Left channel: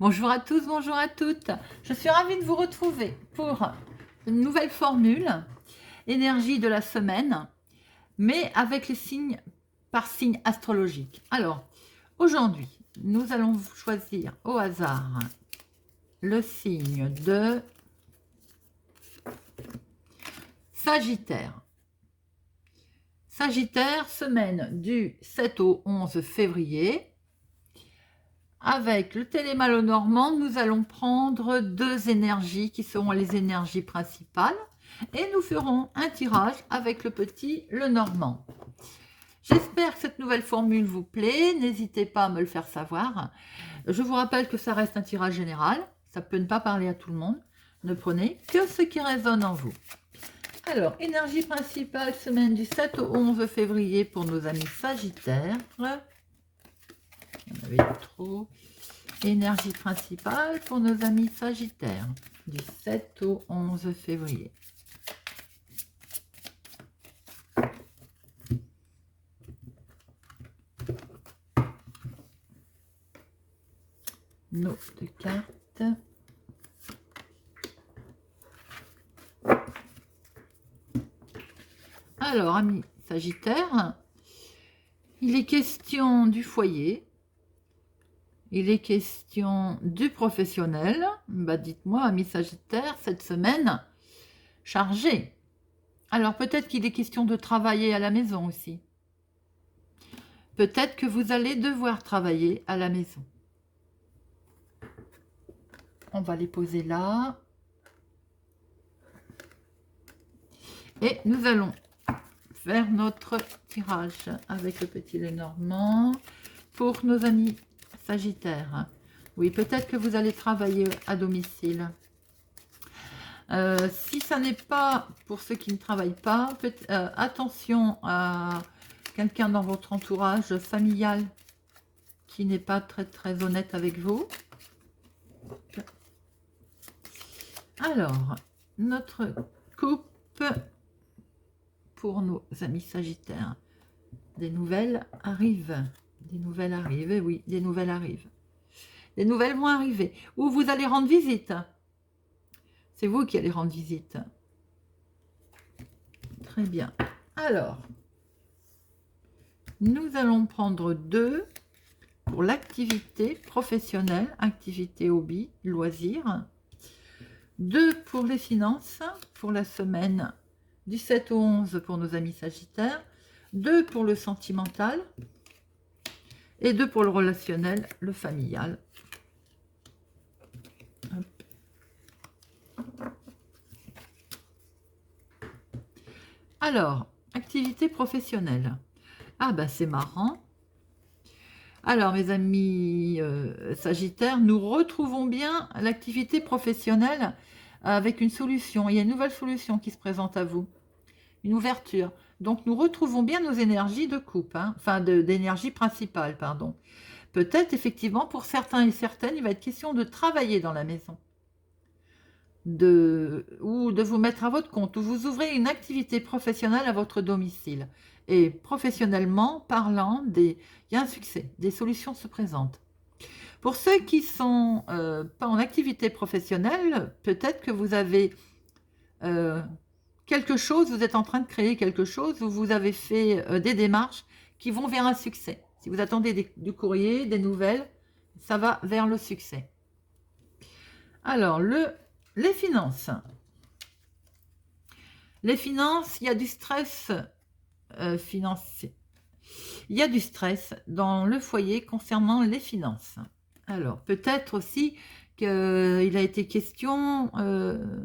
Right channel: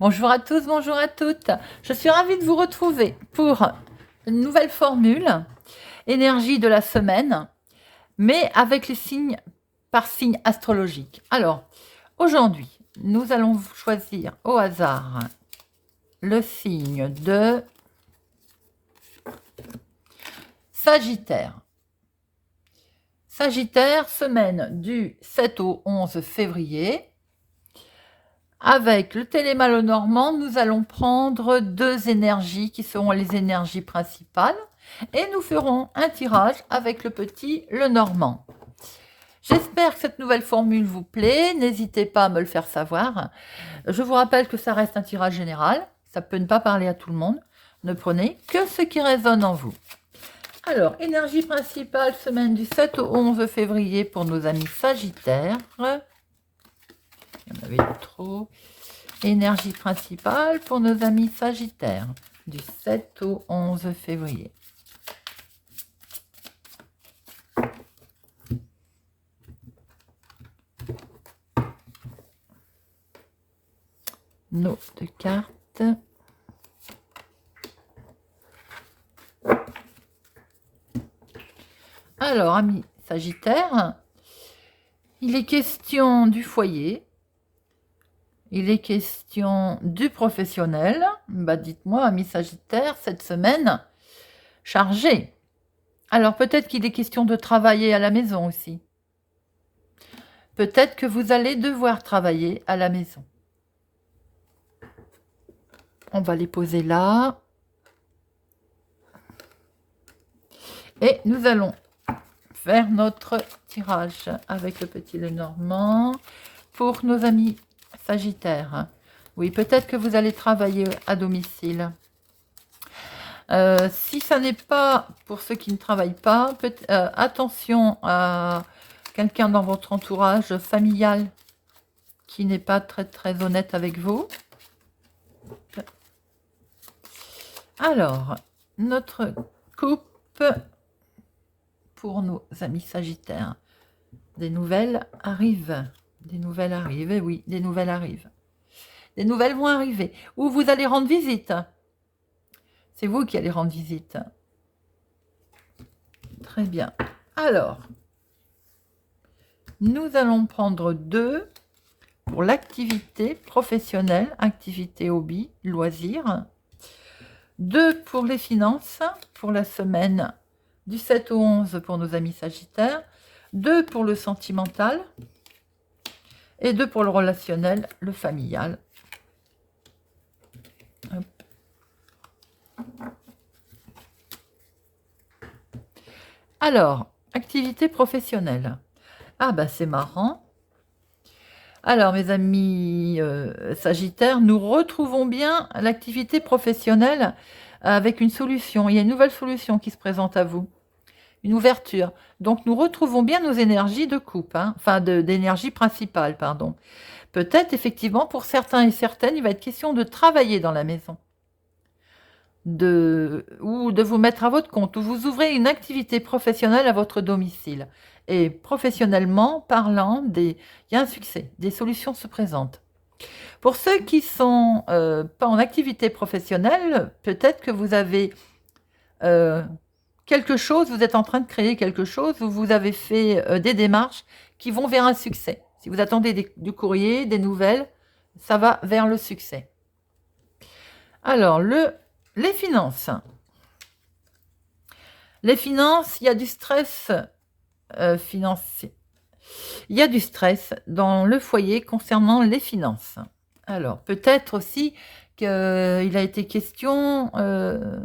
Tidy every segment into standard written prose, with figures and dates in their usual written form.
Bonjour à tous, bonjour à toutes. Je suis ravie de vous retrouver pour une nouvelle formule, énergie de la semaine, mais avec les signes par signe astrologique. Alors, aujourd'hui, nous allons choisir au hasard le signe de Sagittaire. Sagittaire, semaine du 7 au 11 février. Avec le téléma normand, nous allons prendre deux énergies qui seront les énergies principales et nous ferons un tirage avec le petit le normand. J'espère que cette nouvelle formule vous plaît, n'hésitez pas à me le faire savoir. Je vous rappelle que ça reste un tirage général, ça peut ne pas parler à tout le monde, ne prenez que ce qui résonne en vous. Alors, énergie principale, semaine du 7 au 11 février pour nos amis Sagittaires. Il y en avait trop. Énergie principale pour nos amis Sagittaires, du 7 au 11 février. Nos deux cartes. Alors, amis Sagittaires, il est question du foyer. Il est question du professionnel. Bah, dites-moi, amis Sagittaire, cette semaine chargée. Alors, peut-être qu'il est question de travailler à la maison aussi. Peut-être que vous allez devoir travailler à la maison. On va les poser là. Et nous allons faire notre tirage avec le petit Lenormand pour nos amis Sagittaire. Oui, peut-être que vous allez travailler à domicile. Si ça n'est pas pour ceux qui ne travaillent pas, attention à quelqu'un dans votre entourage familial qui n'est pas très honnête avec vous. Alors, notre coupe pour nos amis Sagittaires. Des nouvelles arrivent. Des nouvelles arrivent, et oui, des nouvelles arrivent. Des nouvelles vont arriver. Ou vous allez rendre visite. C'est vous qui allez rendre visite. Très bien. Alors, nous allons prendre deux pour l'activité professionnelle, activité hobby, loisir. Deux pour les finances, pour la semaine du 7 au 11 pour nos amis Sagittaires. Deux pour le sentimental. Et deux pour le relationnel, le familial. Hop. Alors, activité professionnelle. Ah bah c'est marrant. Alors mes amis Sagittaires, nous retrouvons bien l'activité professionnelle avec une solution. Il y a une nouvelle solution qui se présente à vous. Une ouverture. Donc, nous retrouvons bien nos énergies de coupe, hein, enfin d'énergie principale, pardon. Peut-être, effectivement, pour certains et certaines, il va être question de travailler dans la maison. Ou de vous mettre à votre compte, ou vous ouvrez une activité professionnelle à votre domicile. Et professionnellement parlant, il y a un succès, des solutions se présentent. Pour ceux qui ne sont pas en activité professionnelle, peut-être que vous avez quelque chose, vous êtes en train de créer quelque chose, où vous avez fait des démarches qui vont vers un succès. Si vous attendez du courrier, des nouvelles, ça va vers le succès. Alors, les finances. Les finances, il y a du stress financier. Il y a du stress dans le foyer concernant les finances. Alors, peut-être aussi qu'il a été question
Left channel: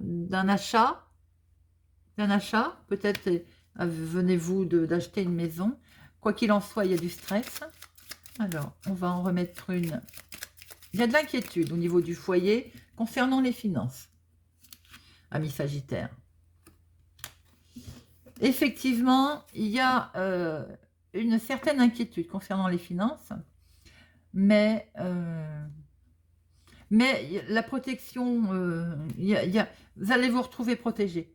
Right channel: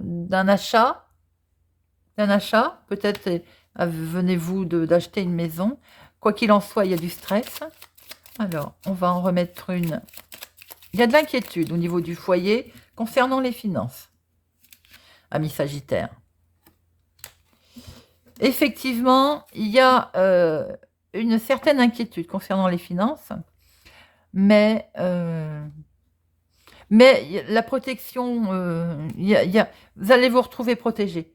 d'un achat. Peut-être venez-vous d'acheter une maison. Quoi qu'il en soit, il y a du stress. Alors, on va en remettre une. Il y a de l'inquiétude au niveau du foyer concernant les finances, amis Sagittaires. Effectivement, il y a une certaine inquiétude concernant les finances, mais la protection, vous allez vous retrouver protégé.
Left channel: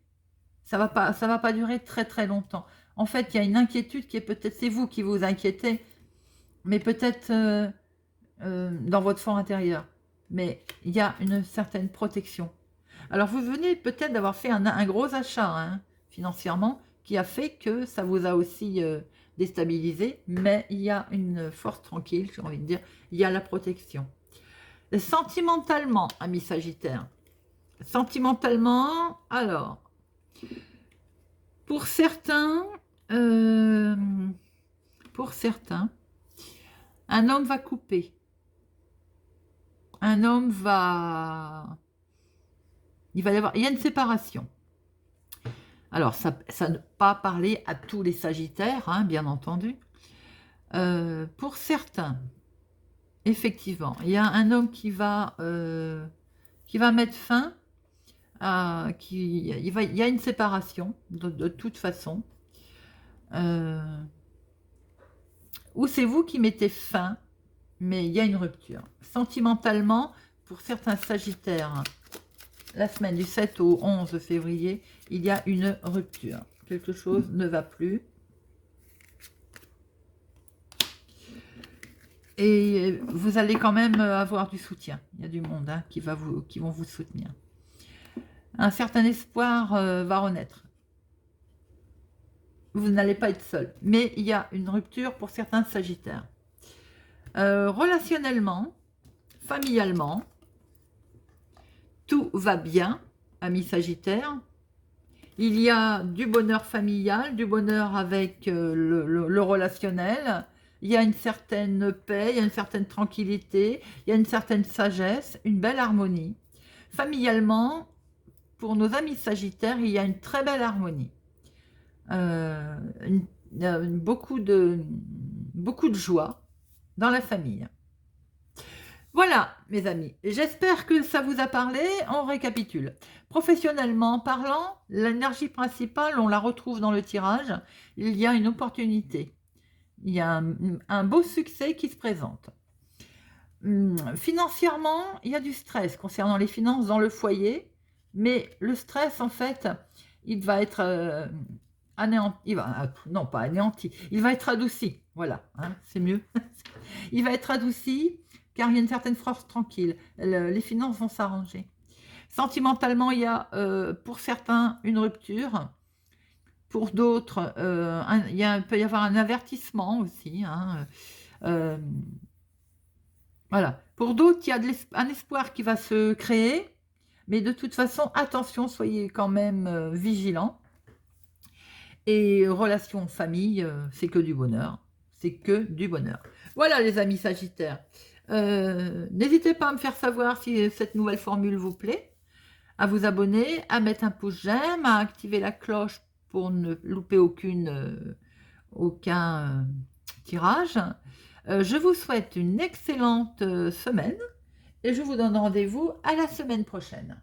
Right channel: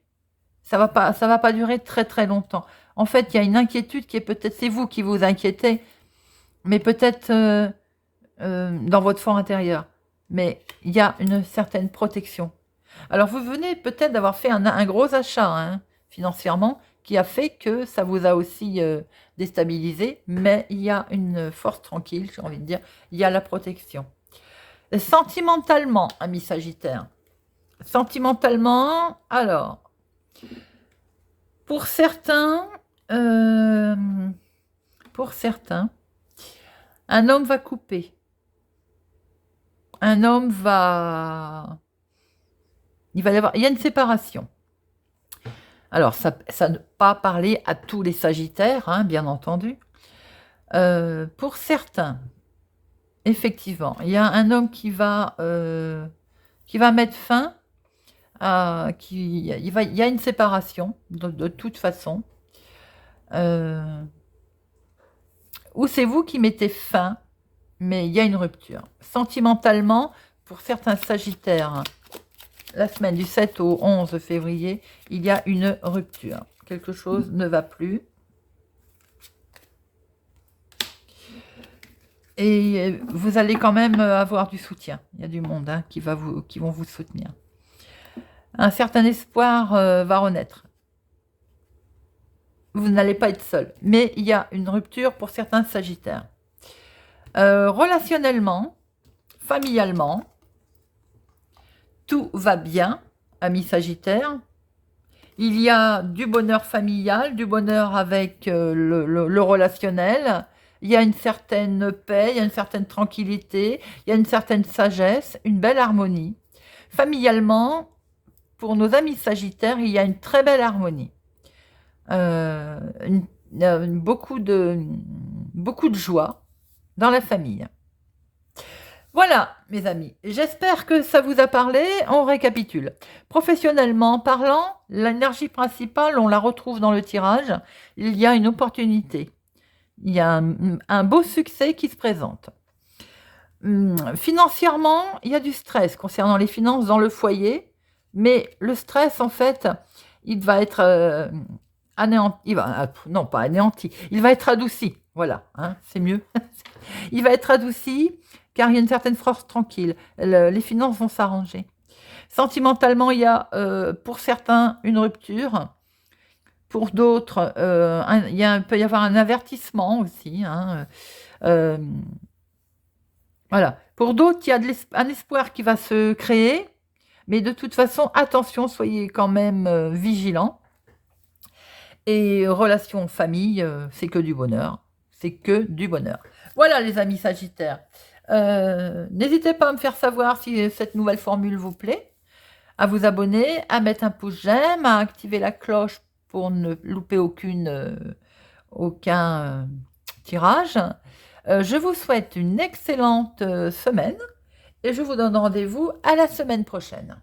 Ça va pas durer très longtemps. En fait, il y a une inquiétude qui est peut-être, c'est vous qui vous inquiétez, mais peut-être dans votre fort intérieur. mais il y a une certaine protection. Alors, vous venez peut-être d'avoir fait un gros achat hein, financièrement qui a fait que ça vous a aussi déstabilisé, mais il y a une force tranquille, j'ai envie de dire, il y a la protection. Sentimentalement, ami Sagittaire, sentimentalement, alors, pour certains, euh, un homme va couper. Un homme va... Il y a une séparation. Alors, ça ne pas parler à tous les Sagittaires, hein, bien entendu. Pour certains, effectivement, il y a un homme qui va mettre fin à... il y a une séparation, de toute façon. Ou c'est vous qui mettez fin, mais il y a une rupture. Sentimentalement, pour certains Sagittaires, la semaine du 7 au 11 février, il y a une rupture. Quelque chose ne va plus. Et vous allez quand même avoir du soutien. Il y a du monde hein, qui vont vous soutenir. Un certain espoir va renaître. Vous n'allez pas être seul. Mais il y a une rupture pour certains Sagittaires. Relationnellement, familialement, tout va bien, amis Sagittaire. Il y a du bonheur familial, du bonheur avec le relationnel. Il y a une certaine paix, il y a une certaine tranquillité, il y a une certaine sagesse, une belle harmonie. Familialement, pour nos amis Sagittaires, il y a une très belle harmonie. Beaucoup de joie dans la famille. Voilà, mes amis, j'espère que ça vous a parlé. On récapitule. Professionnellement parlant, l'énergie principale, on la retrouve dans le tirage. Il y a une opportunité. Il y a un beau succès qui se présente. Financièrement, il y a du stress concernant les finances dans le foyer. Mais le stress, en fait, il va être anéanti. Non, pas anéanti. Il va être adouci. Voilà, hein, c'est mieux. Il va être adouci car il y a une certaine force tranquille. Les finances vont s'arranger. Sentimentalement, il y a pour certains une rupture. Pour d'autres, il peut y avoir un avertissement aussi. Hein, voilà. Pour d'autres, il y a un espoir qui va se créer. Mais de toute façon, attention, soyez quand même vigilants. Et relation famille, c'est que du bonheur. C'est que du bonheur. Voilà les amis Sagittaires. N'hésitez pas à me faire savoir si cette nouvelle formule vous plaît, à vous abonner, à mettre un pouce j'aime, à activer la cloche pour ne louper aucun tirage. Je vous souhaite une excellente semaine et je vous donne rendez-vous à la semaine prochaine.